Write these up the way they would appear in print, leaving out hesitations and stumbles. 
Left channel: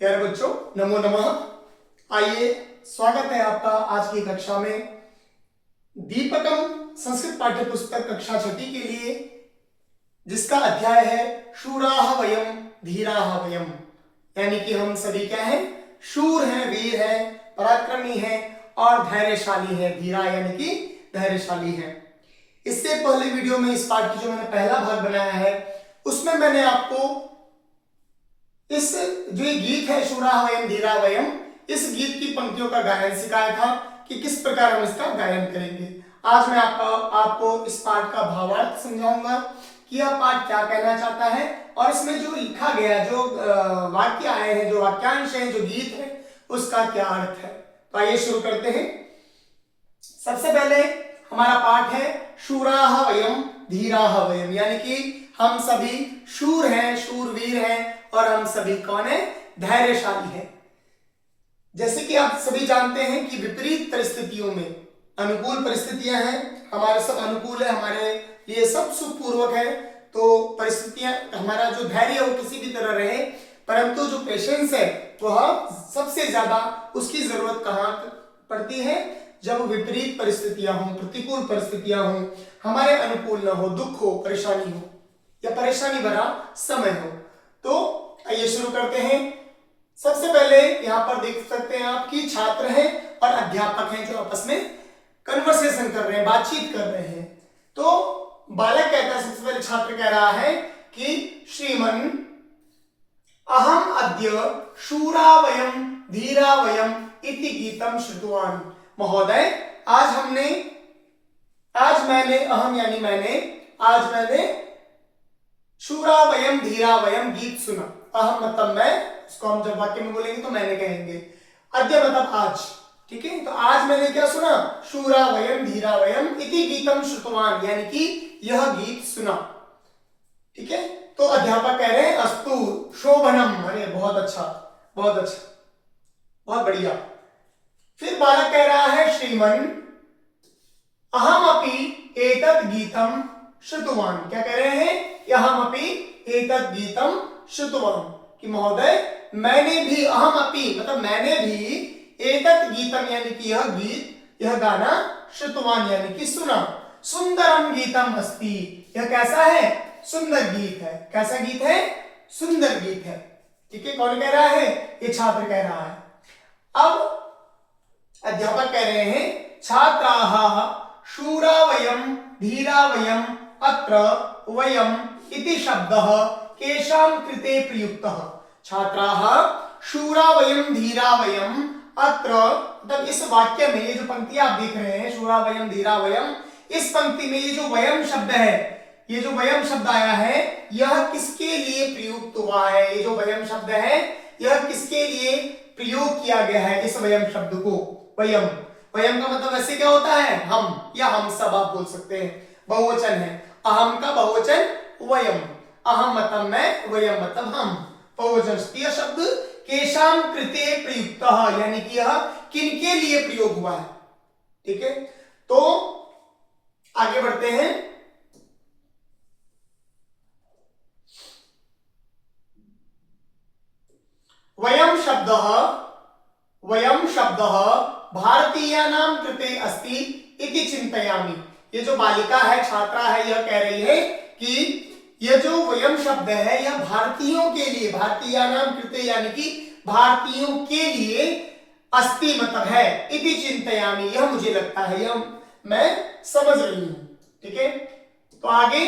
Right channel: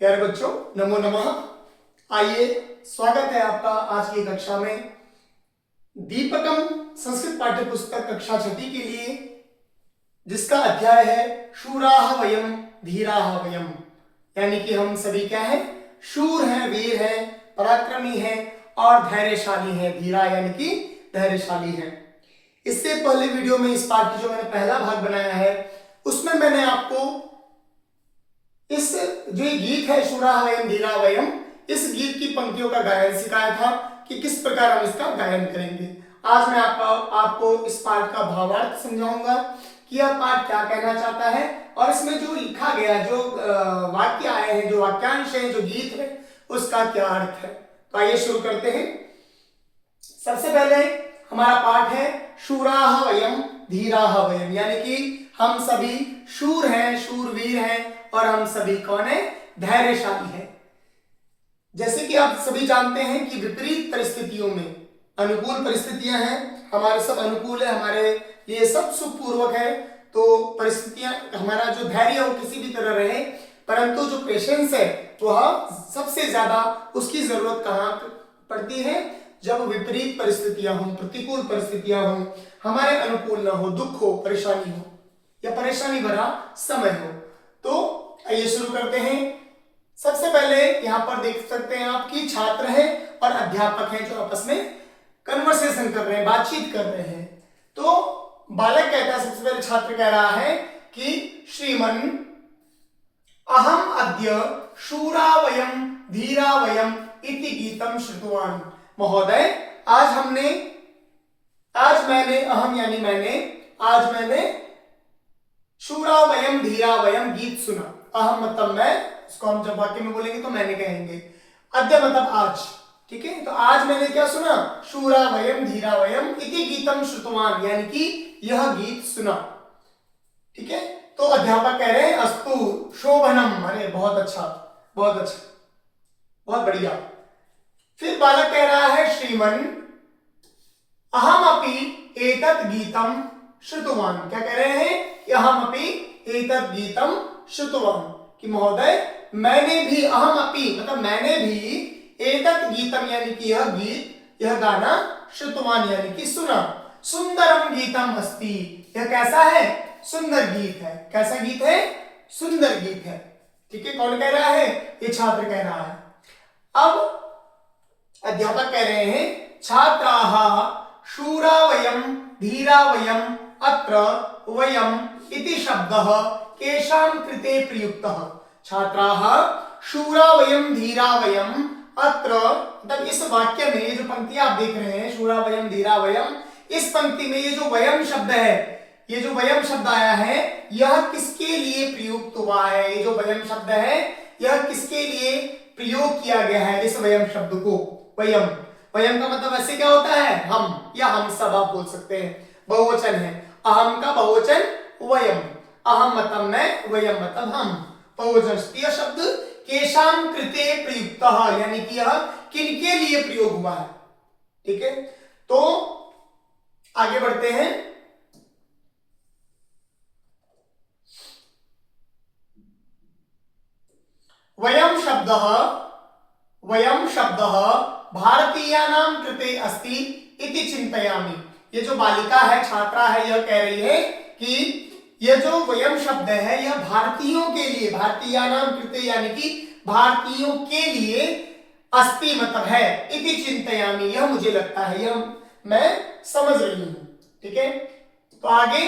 प्यारे बच्चों, नमो नमः। आइए, स्वागत है आपका आज की कक्षा में। दीपकम संस्कृत पाठ्य पुस्तक कक्षा छठी के लिए, जिसका अध्याय है शूराः वयम धीराः वयम, यानी कि हम सभी क्या है, शूर हैं, वीर हैं, पराक्रमी हैं और धैर्यशाली हैं। धीरा यानी कि धैर्यशाली हैं। इससे पहले वीडियो में इस पाठ की जो मैंने पहला भाग बनाया है, उसमें मैंने आपको इस जो ये गीत है शूराः वयम धीराः वयम, इस गीत की पंक्तियों का गायन सिखाया था कि किस प्रकार हम इसका गायन करेंगे। आज मैं आपको इस पाठ का भावार्थ समझाऊंगा कि यह पाठ क्या कहना चाहता है और इसमें जो लिखा गया, जो वाक्य आए हैं, जो वाक्यांश है, जो गीत है, उसका क्या अर्थ है। तो आइए शुरू करते हैं। सबसे पहले हमारा पाठ है शूराः वयम धीराः वयम, यानी कि हम सभी शूर हैं, शूरवीर हैं और हम सभी कौन है, धैर्यशाली हैं। जैसे कि आप सभी जानते हैं कि विपरीत परिस्थितियों में अनुकूल परिस्थितियां हैं, हमारे सब अनुकूल है, हमारे लिए सब सुखपूर्वक है, तो परिस्थितियां, हमारा जो धैर्य हो किसी भी तरह रहे, परंतु जो पेशेंस है वह सबसे ज्यादा उसकी जरूरत कहाँ पड़ती है, जब विपरीत परिस्थितियां हों, प्रतिकूल परिस्थितियां हों, हमारे अनुकूल न हो, दुख हो, परेशानी हो या परेशानी भरा समय हो। तो आइए शुरू करते हैं। सबसे पहले यहां पर देख सकते हैं आप कि छात्र हैं और अध्यापक हैं जो आपस में कन्वर्सेशन कर रहे हैं, बातचीत कर रहे हैं। तो बालक कहता है, सबसे पहले छात्र कह रहा है कि श्रीमन अहम अद्य शूरा वयम धीरा वयम इति गीतम श्रुतवान। महोदय, आज मैंने शूरा वयम धीरा वयम गीत सुना। अहम मतलब मैं, इसको हम जब वाक्य में बोलेंगे तो मैंने कहेंगे। अद्य मतलब आज, ठीक है। तो आज मैंने क्या सुना, शूरा वयम धीरा वयम इति गीतम श्रुतवान, यानी कि यह गीत सुना, ठीक है। तो अध्यापक कह रहे हैं अस्तु शोभनम, अरे बहुत अच्छा, बहुत अच्छा, बहुत बढ़िया। फिर बालक कह रहा है श्रीमन अहमपि एतत् गीतम श्रुतवान। क्या कह रहे हैं, अहमपि एतत् गीतम श्रुतवान, कि महोदय मैंने भी, अहमपि मतलब मैंने भी, एतत् गीतम यानी कि यह गीत, यह गाना, श्रुतवान यानी कि सुना। सुंदरम गीतम अस्ति, यह कैसा है, सुंदर गीत है। कैसा गीत है, सुंदर गीत है, ठीक है। कौन कह रहा है, ये छात्र कह रहा है। अब अध्यापक कह रहे हैं छात्राः शूरा वयम धीरा वयम अत्र वयम इति शब्दः केषां कृते प्रयुक्तः। छात्राः शूरा वयम धीरा वयम अत्र, मतलब इस वाक्य में ये जो पंक्ति आप देख रहे हैं शूरा वयम धीरा वयम, इस पंक्ति में ये जो वयम शब्द है, ये जो वयम शब्द आया है, यह किसके लिए प्रयुक्त हुआ है। ये जो वयम शब्द है, यह किसके लिए प्रयोग किया गया है, इस वयम शब्द को। वयम, वयम का मतलब वैसे क्या होता है, हम या हम सब आप बोल सकते हैं, बहुवचन है। अहम का बहुवचन वयम, अहम मतलब मैं, वयम मतलब हम, बहुवचन। यह शब्द केशाम कृते प्रयुक्तः, यानी कि यह किनके लिए प्रयोग हुआ है, ठीक है। तो आगे बढ़ते हैं। वयम शब्दः भारतीयानां कृते अस्ति इति चिंतयामि। ये जो बालिका है, छात्रा है, यह कह रही है कि यह जो वयम शब्द है, यह भारतीयों के लिए, भारतीयानां कृते यानी कि भारतीयों के लिए, अस्ति मतलब है, इति चिंतयामि यह मुझे लगता है, यह मैं समझ रही हूं, ठीक है। तो आगे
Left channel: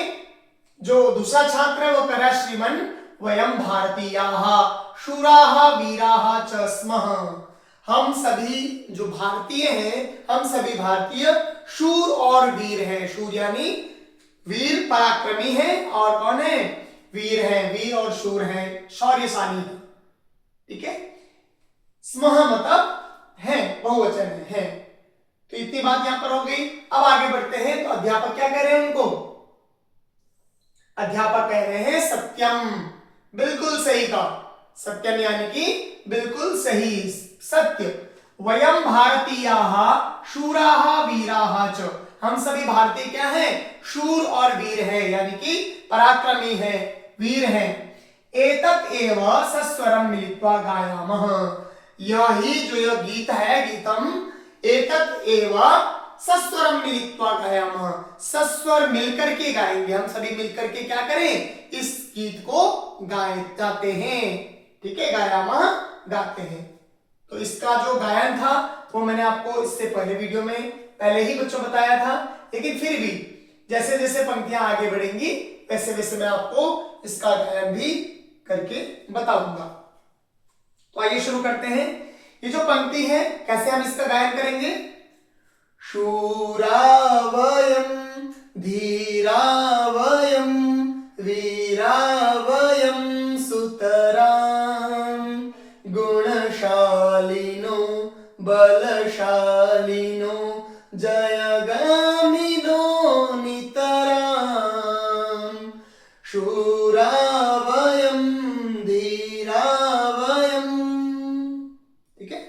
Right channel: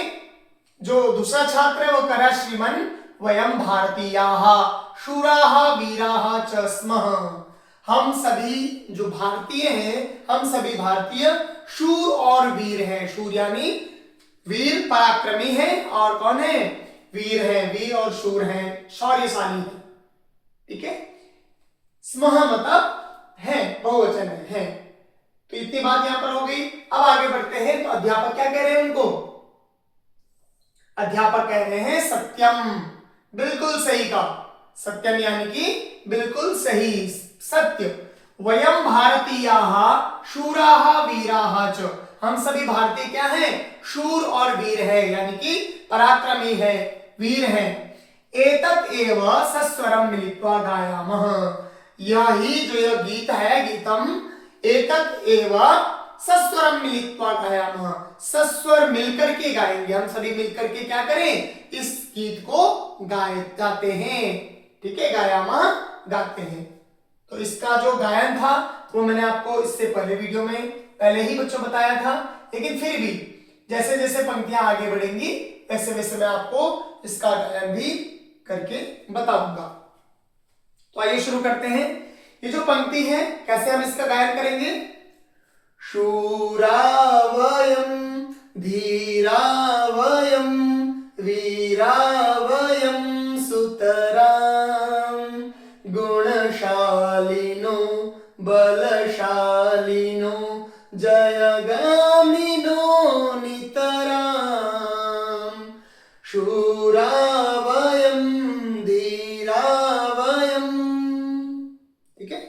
जो दूसरा छात्र है वो कह रहा है श्रीमन वयम भारतीयाः शूराः वीराः च स्मः। हम सभी जो भारतीय हैं, हम सभी भारतीय शूर और वीर हैं। शूर यानी वीर, पराक्रमी है, और कौन है, वीर है, वीर और शूर हैं, शौर्यशाली है, ठीक है। स्मः मतलब है, बहुवचन है। तो इतनी बात यहां पर हो गई। अब आगे बढ़ते हैं। तो अध्यापक क्या कह रहे हैं उनको, अध्यापक कह रहे हैं सत्यम, बिल्कुल सही का, सत्यम यानी कि बिल्कुल सही, सत्य। वयम भारतीयाः शूराः वीराः च, हम सभी भारतीय क्या हैं, शूर और वीर है, यानी कि पराक्रमी है, वीर है। एतत् एव सस्वरम मिलित्वा गायामः। यही जो यह गीत है, गीतम एतत् एव सस्वरम मिलित्वा गायामः, सस्वर मिलकर के गाएंगे, हम सभी मिलकर के क्या करें, इस गीत को गाते हैं। ठीक है, गायामः गाते हैं। तो इसका जो गायन था वो मैंने आपको इससे पहले वीडियो में पहले ही बच्चों बताया था, लेकिन फिर भी जैसे जैसे पंक्तियां आगे बढ़ेंगी वैसे वैसे मैं आपको इसका गायन भी करके बताऊंगा। तो आइए शुरू करते हैं। ये जो पंक्ति है कैसे हम इसका गायन करेंगे। शूरा वयं धीरा वयं वीरा वयं सुतरां गुणशालिनो बलशालिनो जयगामिनो नितरां शूरा वयं धीरा वयं। ठीक है,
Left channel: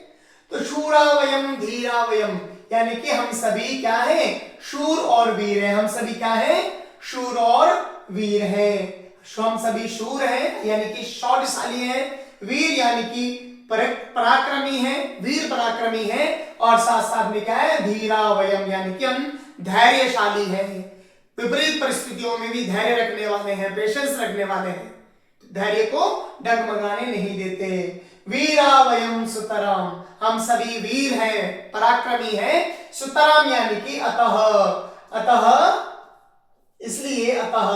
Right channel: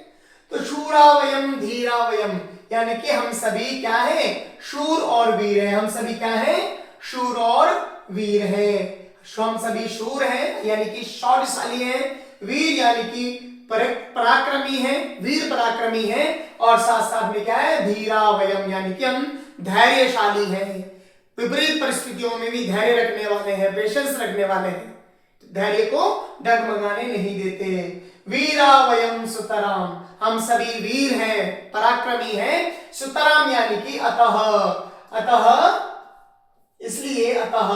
तो शूरा वयं धीरा वयं यानी कि हम सभी क्या है, शूर और वीर हैं। हम सभी क्या है, शूर और वीर हैं। हम सभी शूर हैं यानी कि शौर्यशाली हैं, वीर यानी कि पराक्रमी हैं, वीर पराक्रमी हैं, और साथ साथ में क्या है, धीरा वयम यानी कि हम धैर्यशाली हैं, विपरीत परिस्थितियों में भी धैर्य रखने वाले हैं, पेशेंस रखने वाले हैं, धैर्य को डगमगाने नहीं देते। वीरा वयम सुतराम, हम सभी वीर हैं, पराक्रमी हैं। सुतराम यानी कि अतः इसलिए अतः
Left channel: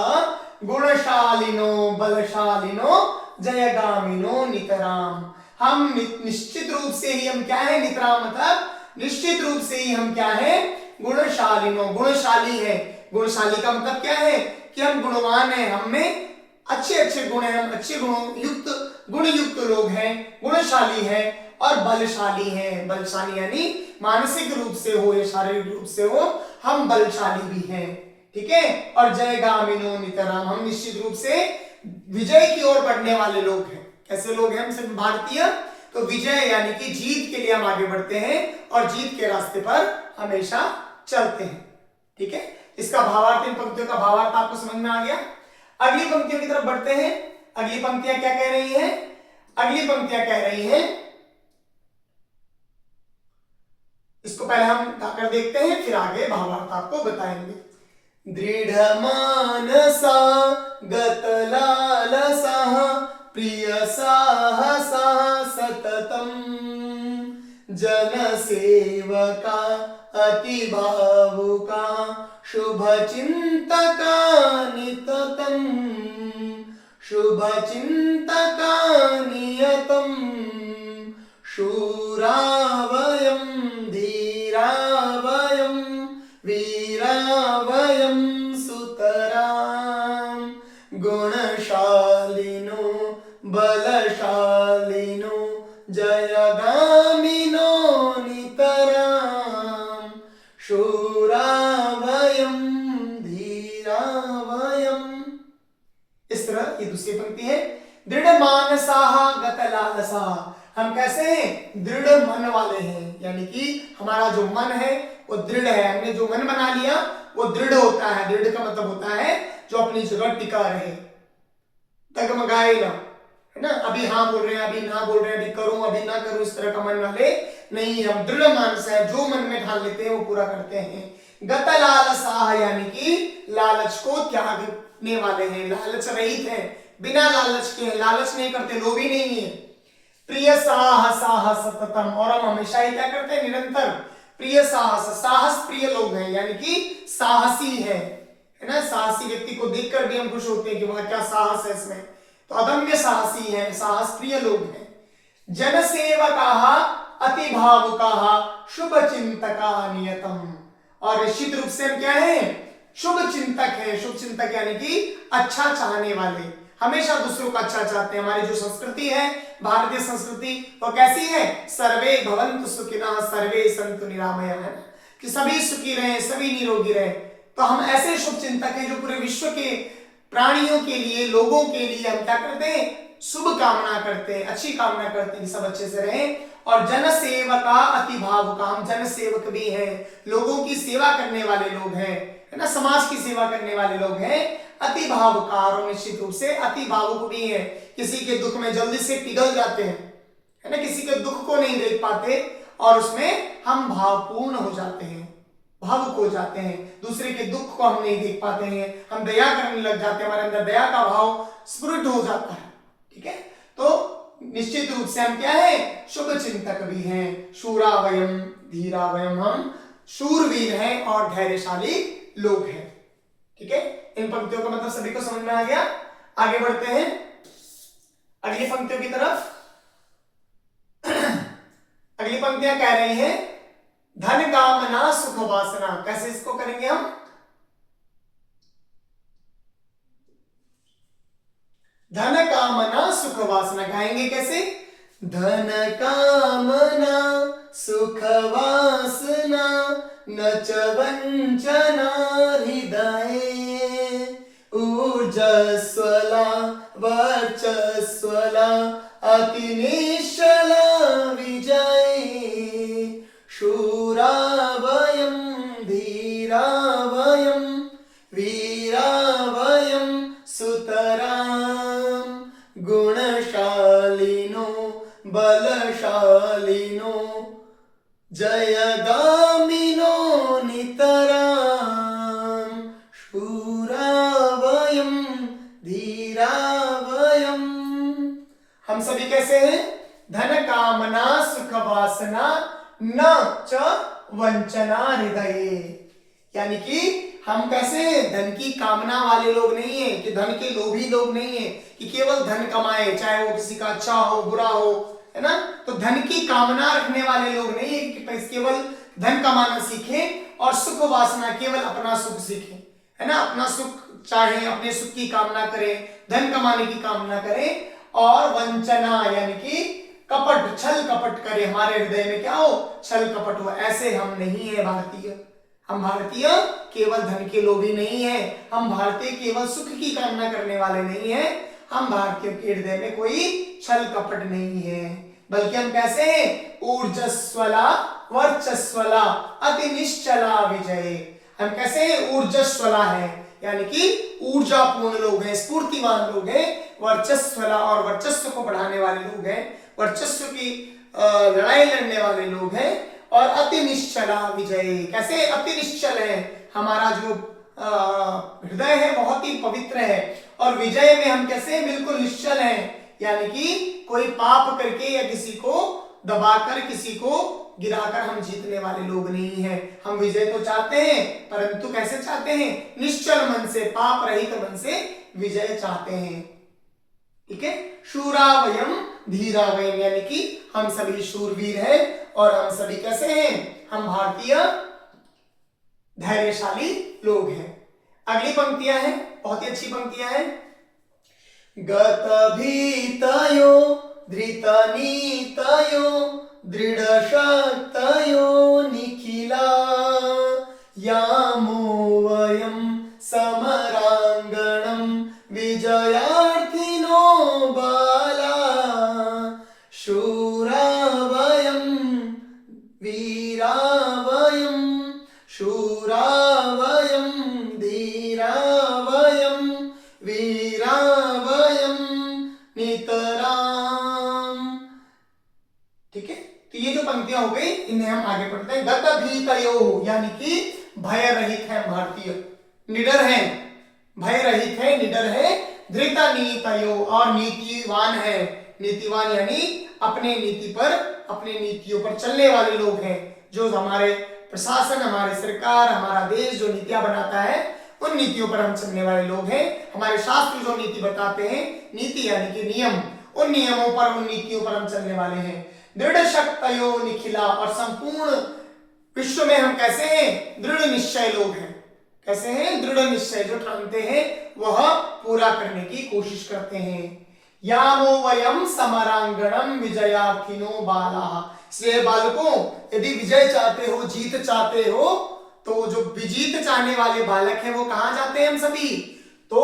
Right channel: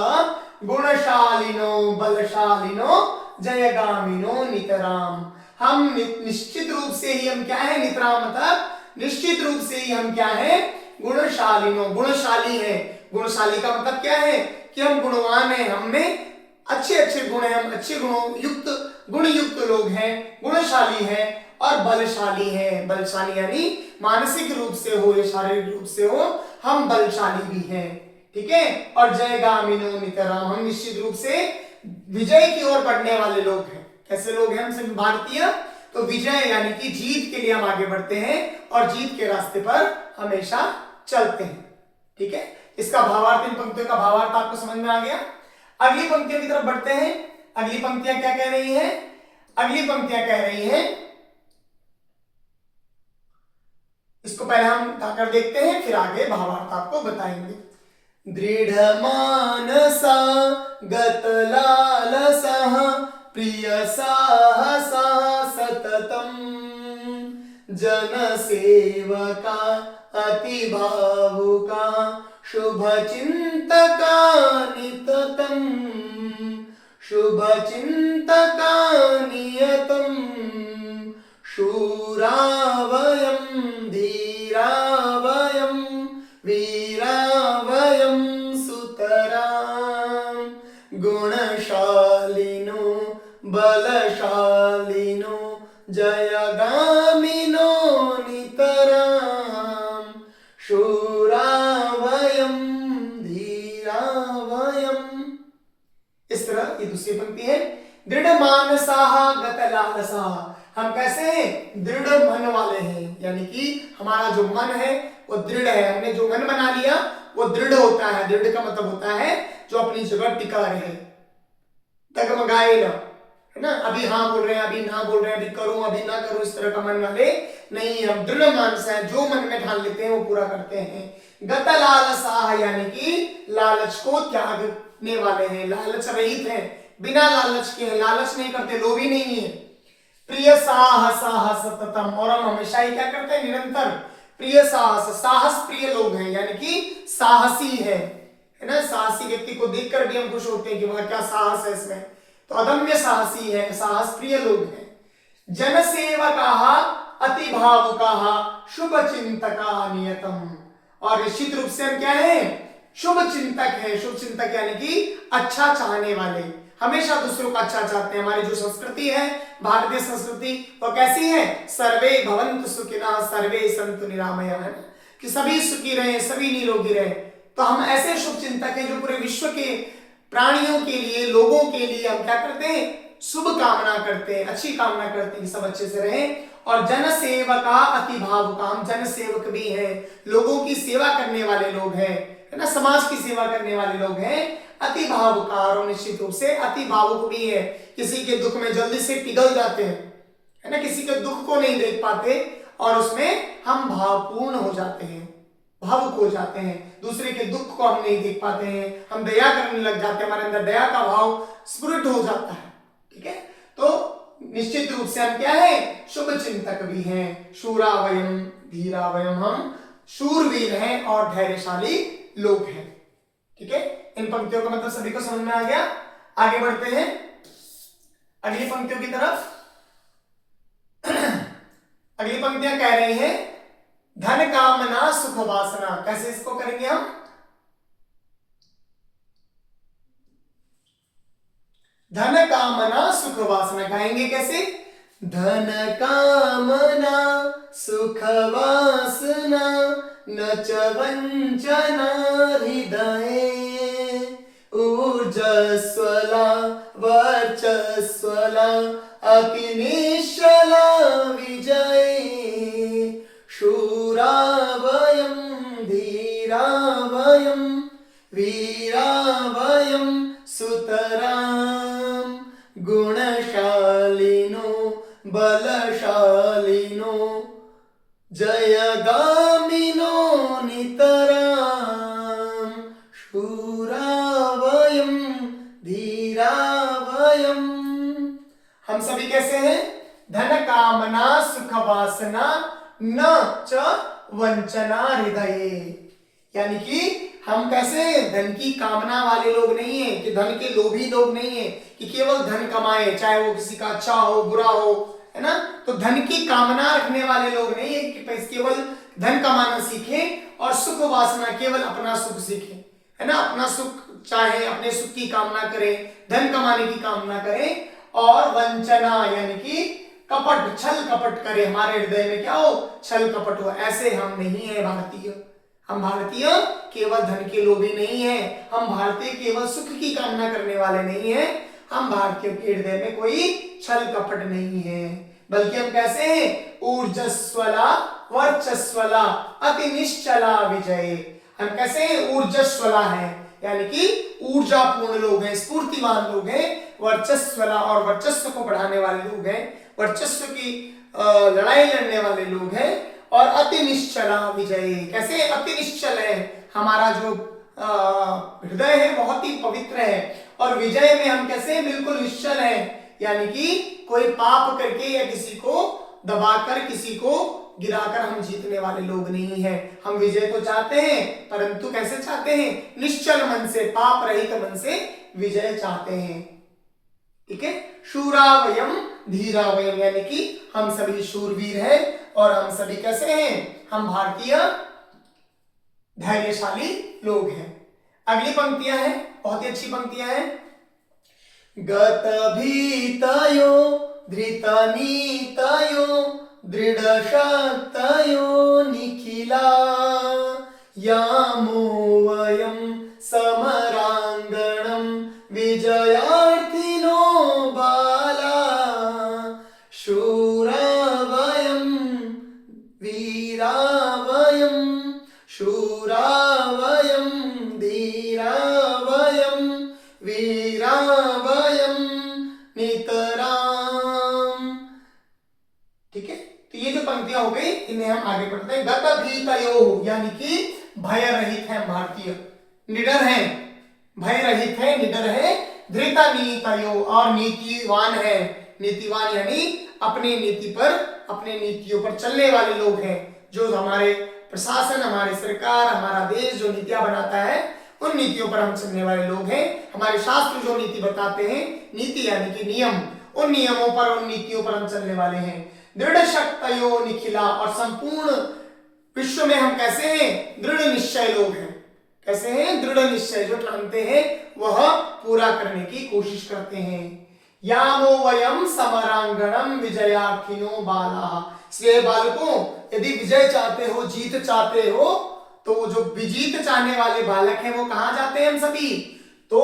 गुणशालिनो बलशालिनो जयगामिनो नितराम, हम निश्चित रूप से ही हम क्या है, नितराम मतलब निश्चित रूप से ही हम क्या है, गुणशालिनो, गुणशाली है। गुणशाली का मतलब क्या है कि हम गुणवान हैं, हमें अच्छे अच्छे गुण हैं, हम अच्छे गुण युक्त लोग हैं, गुणशाली हैं और बलशाली हैं। बलशाली यानी मानसिक रूप से हो या शारीरिक रूप से हो, हम बलशाली भी हैं। ठीक है, और जयगामिनो नितराम, हम निश्चित रूप से विजय की ओर बढ़ने वाले लोग हैं। कैसे लोग हैं हम सभी भारतीय, तो विजय यानी कि जीत के लिए हम आगे बढ़ते हैं और जीत के रास्ते पर हमेशा चलते हैं। ठीक है, इसका भावार्थ, इन पंक्तियों का भावार्थ आपको समझ में आ गया। अगली पंक्तियों की तरफ बढ़ते हैं। अगली पंक्तियां क्या कह रही हैं, अगली पंक्तियां कह रही हैं, इसको पहले हम गाकर देखते हैं, फिर आगे भावार्थ आपको बताएंगे। दृढ़ मानसा गतलालसः प्रिय साहसा सततम जनसेवका अतिभावुका शुभचिंतका निततं शुभचिंतका नियतं शूरा वयं धीरा वयं वीरा वयं सुतरां गुणशालिनो बलशालिनो जयगामिनो नितरां शूरा वयं धीरा वयं। इस तरह ये दूसरी पंक्ति है। दृढ़ मानसाः गतलालसाः, हम कैसे हैं, दृढ़ मन वाले हैं, यानी कि हमारा जो मन है वो दृढ़ है, हमने जो मन बना लिया वो दृढ़ होता है। दृढ़ का मतलब होता है जो अपनी जगह टिका रहे, डगमगाए ना, है ना, अभी हाँ बोल रहे हैं, अभी ना बोल रहे हैं, अभी करूं अभी ना करूं, इस तरह का मन वाले नहीं, हम दृढ़ मानस है, जो मन में ठान लेते हैं वो पूरा करते हैं। गतलालसाः यानी कि लालच को त्यागने वाले हैं, लालच रहित हैं, बिना लालच के, लालच नहीं करते, लोभी नहीं है। प्रिय साहसाः सततम, और हम हमेशा ही क्या करते हैं, निरंतर प्रिय साहस, साहस प्रिय लोग हैं, यानी कि साहसी है ना, साहसी व्यक्ति को देखकर भी हम खुश होते हैं कि वहां क्या साहस है इसमें, तो अदम्य साहसी है, साहस प्रिय लोग हैं। जनसेवकाः अतिभावुकाः शुभचिंतका नियतम, और निश्चित रूप से हम क्या है, शुभ चिंतक है। शुभ चिंतक यानी कि अच्छा चाहने वाले, हमेशा दूसरों का अच्छा चाहते हैं। हमारी जो संस्कृति है, भारतीय संस्कृति, वो कैसी है, सर्वे भवन्तु सुखिनः सर्वे सन्तु निरामयाः, है कि सभी सुखी रहे, सभी निरोगी रहे। तो हम ऐसे शुभ चिंतक हैं जो पूरे विश्व के प्राणियों के लिए, लोगों के लिए हम क्या करते हैं, शुभ कामना करते हैं, अच्छी कामना करते हैं, सब अच्छे से रहें। और जन सेवका अति भावुका, हम जन सेवक भी हैं, लोगों की सेवा करने वाले लोग हैं, है ना, समाज की सेवा करने वाले लोग हैं। अति भावुकारो, निश्चित रूप से अति भावुक भी है, किसी के दुख में जल्दी से पिघल जाते हैं, है ना, किसी के दुख को नहीं देख पाते और उसमें हम भावपूर्ण हो जाते हैं, भावुक हो जाते हैं, दूसरे के दुख को हम नहीं देख पाते हैं, हम दया करने लग जाते हैं, हमारे अंदर दया का भाव स्फुरित हो जाता है। ठीक है, तो निश्चित रूप से हम क्या है, शुभ चिंतक भी हैं, शूरावयम धीरावयम, हम शूरवीर हैं और धैर्यशाली लोग हैं। ठीक है, इन पंक्तियों का मतलब सभी को समझ में आ गया। आगे बढ़ते हैं अगली पंक्तियों की तरफ। अगली पंक्तियां कह रही हैं धन कामना सुख वासना। कैसे इसको करेंगे हम, धन कामना सुख वासना गाएंगे कैसे, धन कामना सुख वासना न च वंचना हृदये, ऊर्जस्वला वर्चस्वला अति निश्चला विजये, शूरा वयं धीरा वयं वीरा वयं सुतरां, गुणशालिनो बलशालिनो जयगामिनो नितरां, शूरा वयं धीरा वयं। हम सभी कैसे हैं, धन कामना सुख वासना न च वंचना हृदये, यानी कि हम कैसे हैं, धन की कामना वाले लोग नहीं है, कि धन के लोभी लोग नहीं है, कि केवल धन कमाए, चाहे वो किसी का अच्छा हो बुरा हो, है ना, तो धन की कामना रखने वाले लोग नहीं है कि केवल धन कमाना सीखे और सुख वासना केवल अपना सुख सीखे, है ना, अपना सुख चाहे, अपने सुख की कामना करे, धन कमाने की कामना करे, और वंचना यानी कि कपट, छल कपट करे, हमारे हृदय में क्या हो, छल कपट हो, ऐसे हम नहीं है भारतीय। हम भारतीय केवल धन के लोभी नहीं है, हम भारतीय केवल सुख की कामना करने वाले नहीं है, हम भारतीयों के हृदय में कोई छल कपट नहीं है, बल्कि हम कैसे हैं, ऊर्जस्वला वर्चस्वला अति निश्चला विजय। हम कैसे हैं, ऊर्जस्वला है, यानी कि ऊर्जापूर्ण लोग हैं, स्फूर्तिवान लोग हैं, वर्चस्वला और वर्चस्व को बढ़ाने वाले लोग हैं, वर्चस्व की लड़ाई लड़ने वाले लोग हैं, और अति निश्चला विजय। कैसे अति निश्चल है, हमारा जो हृदय है बहुत ही पवित्र है, और विजय में हम कैसे बिल्कुल निश्चल हैं, यानी कि कोई पाप करके या किसी को दबाकर, किसी को गिराकर हम जीतने वाले लोग नहीं हैं। हम विजय तो चाहते हैं, परंतु कैसे चाहते हैं, निश्चल मन से, पाप रहित मन से विजय चाहते हैं। ठीक है, शूरा वयम धीरा वयम, यानी कि हम सभी शूरवीर हैं और हम सभी कैसे हैं, हम भारतीय धैर्यशाली लोग हैं। अगली पंक्तियां हैं, बहुत ही अच्छी पंक्तियां हैं। गत भीतयो धृत नीतयो दृढ़ शक्तयो निखिला, यामो वयं समरांगणं विजयार्थिनो बाला, शूरा वयं वीरा वयं शूरा वयं धीरा वयं वीरा वयं नितरां। ठीक है, तो ये जो पंक्तियां हो गई, इन्हें हम आगे पढ़ते हैं। गत भीतयो यानी कि भय रहित है भारतीय, निडर है, भय रहित है, निडर है। धृत नीतयो और नीतिवान है, नीतिवान यानी अपने नीति पर, अपने नीतियों पर चलने वाले लोग हैं। जो हमारे प्रशासन, हमारी सरकार, हमारा देश जो नीतियां बनाता है, उन नीतियों पर हम चलने वाले लोग हैं। हमारे शास्त्र जो नीति बताते हैं, नीति यानी कि नियम, उन नियमों पर, उन नीतियों पर हम चलने वाले हैं। दृढ़ शक्तयो निखिला, और संपूर्ण विश्व में हम कैसे हैं, दृढ़ निश्चय लोग हैं। कैसे हैं, दृढ़ निश्चय, जो ठानते हैं वह पूरा करने की कोशिश करते हैं। यामो वयम समरांगणम विजयार्थिनो बालाः, इसलिए बालकों यदि विजय चाहते हो, जीत चाहते हो, तो जो विजीत चाहने वाले बालक हैं वो कहां जाते हैं, हम सभी तो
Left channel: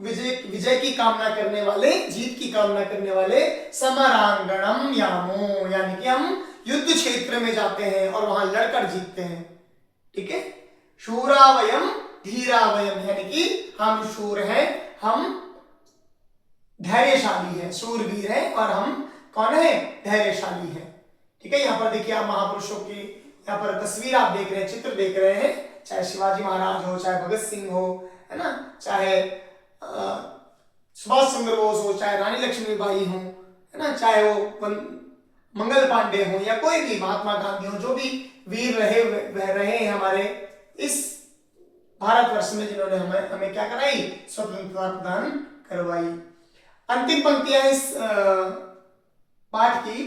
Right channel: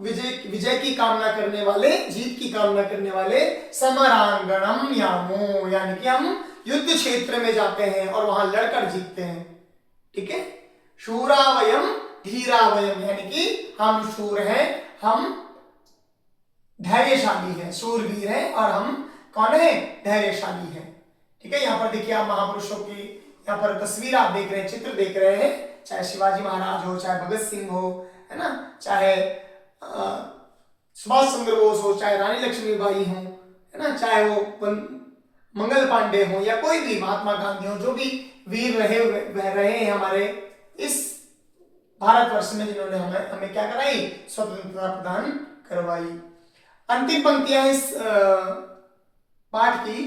विजय की कामना करने वाले, जीत की कामना करने वाले समरांगणम यामो, यानी कि हम युद्ध क्षेत्र में जाते हैं और वहां लड़कर जीतते हैं। ठीक है, शूरा वयम धीरा वयम, यानी कि हम शूर हैं, हम धैर्यशाली हैं, शूरवीर हैं और हम कौन है, धैर्यशाली हैं। ठीक है, यहाँ पर देखिए आप महापुरुषों की यहाँ पर तस्वीर आप देख रहे हैं, चित्र देख रहे हैं, चाहे शिवाजी महाराज हो, चाहे भगत सिंह हो, है ना, चाहे सुभाष चंद्र बोस हो, चाहे रानी लक्ष्मीबाई हो, है ना, चाहे वो मंगल पांडे हो या कोई भी, महात्मा गांधी हो, जो भी वीर रहे हैं हमारे इस भारतवर्ष में, जिन्होंने हमें क्या कराई, स्वतंत्रता प्रदान करवाई। अंतिम पंक्तियां इस पाठ की,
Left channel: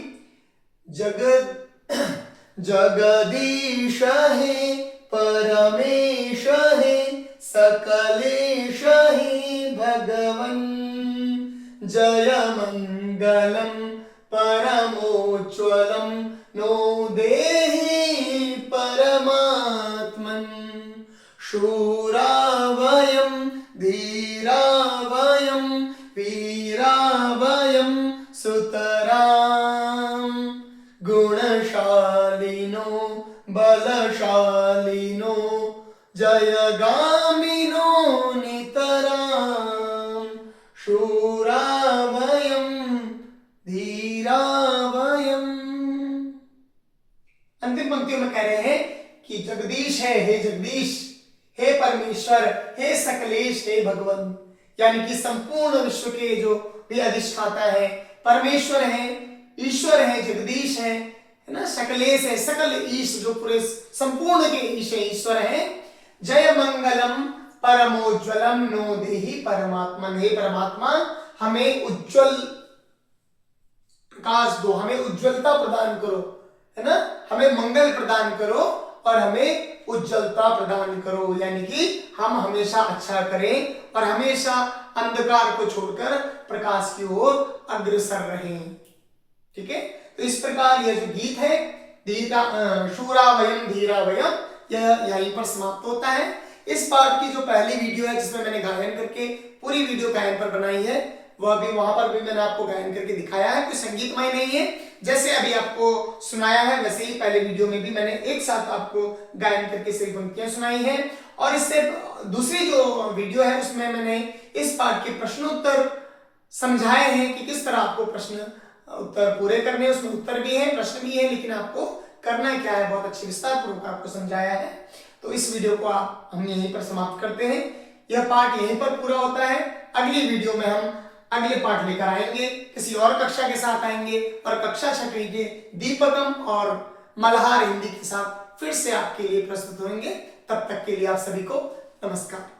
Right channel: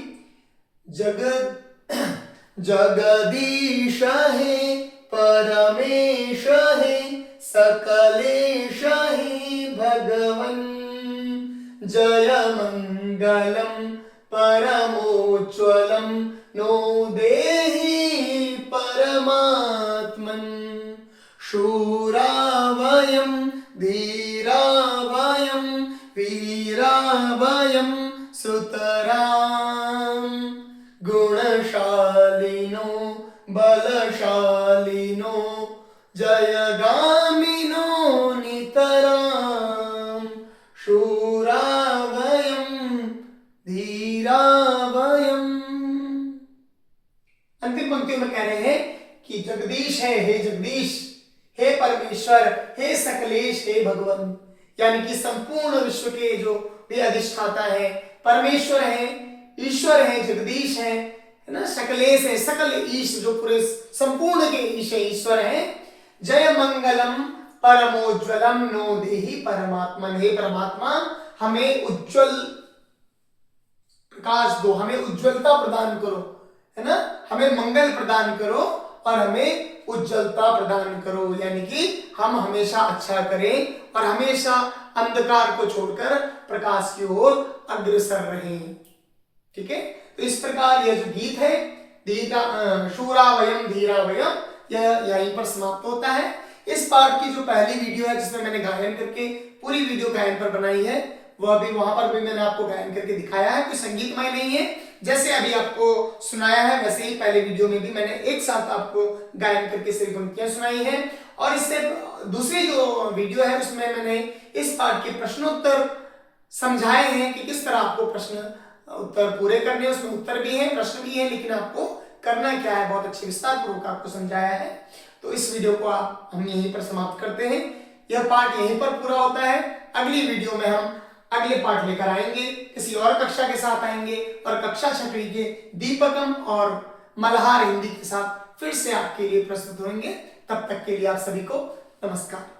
जगदीश है परमेश है सकलेश है भगवन, जय मंगलम परमोज्ज्वलम नो देहि परमात्मन, शूरा वयम धीरा वयम वीरा वयम सुतराम, गुणशालिनो बलशालिनो जयगामिनो नितराम, शूरा वयम धीरा वयम। अंतिम पंक्तियों में कह रहे हैं कि जगदीश है, हे जगदीश, हे परमेश्वर, हे सकलेश, हे भगवान, यानी कि संपूर्ण विश्व के जो भी अधिष्ठाता है, परमेश्वर है, ईश्वर है, जगदीश है ना, सकलेश है, सकल ईश, जो पूरे संपूर्ण के ईश है, ईश्वर है। जय मंगलम परमोज्ज्वलम नो देहि परमात्मन, हे परमात्मा हमें उज्जवल प्रकाश दो, हमें उज्जवलता प्रदान करो, है ना, हमें मंगल प्रदान करो और हमें उज्जवलता प्रदान करो, यानी कि हम हमेशा अच्छा करें और हमेशा अंधकार को छोड़कर प्रकाश की ओर अग्रसर रहें। ठीक है, तो इस प्रकार यह जो गीत है, शूरा वयम धीरा वयम, यह यहीं पर समाप्त होता है। इस पाठ की जो पहली वीडियो है, जिसमें मैंने गायन करके पूरी वीडियो गायन पर बनाई है, वह भी वहां पर भी मैंने आपको गायन करके दिखाया है, कोई संगीतमय नहीं है, जैसे अभी आपको सुनाया है वैसे ही पहले वीडियो में भी मैंने एक साथ आपको गायन करके सही पंक्तियां सुनाई है। और इससे दूसरी जो वीडियो है उसमें मैंने इस पाठ के प्रश्नोत्तर समझाए हैं कि किस तरह आपको प्रश्न उत्तर पूरे करने, उसमें उत्तर भी है, प्रश्न भी है, लेकिन आपको करना क्या है, बहुत अच्छे विस्तार पूर्वक आपको समझाया है। तो इस वीडियो को हम यहीं पर समाप्त करते हैं, यह पाठ यहीं पर पूरा होता है। अगली वीडियो में हम अगले पाठ लेकर आएंगे, किसी और कक्षा के साथ आएंगे और कक्षा 6वीं के दीपकम और मल्हार हिंदी के साथ फिर से आपके लिए प्रस्तुत होंगे। तब तक के लिए आप सभी को नमस्कार।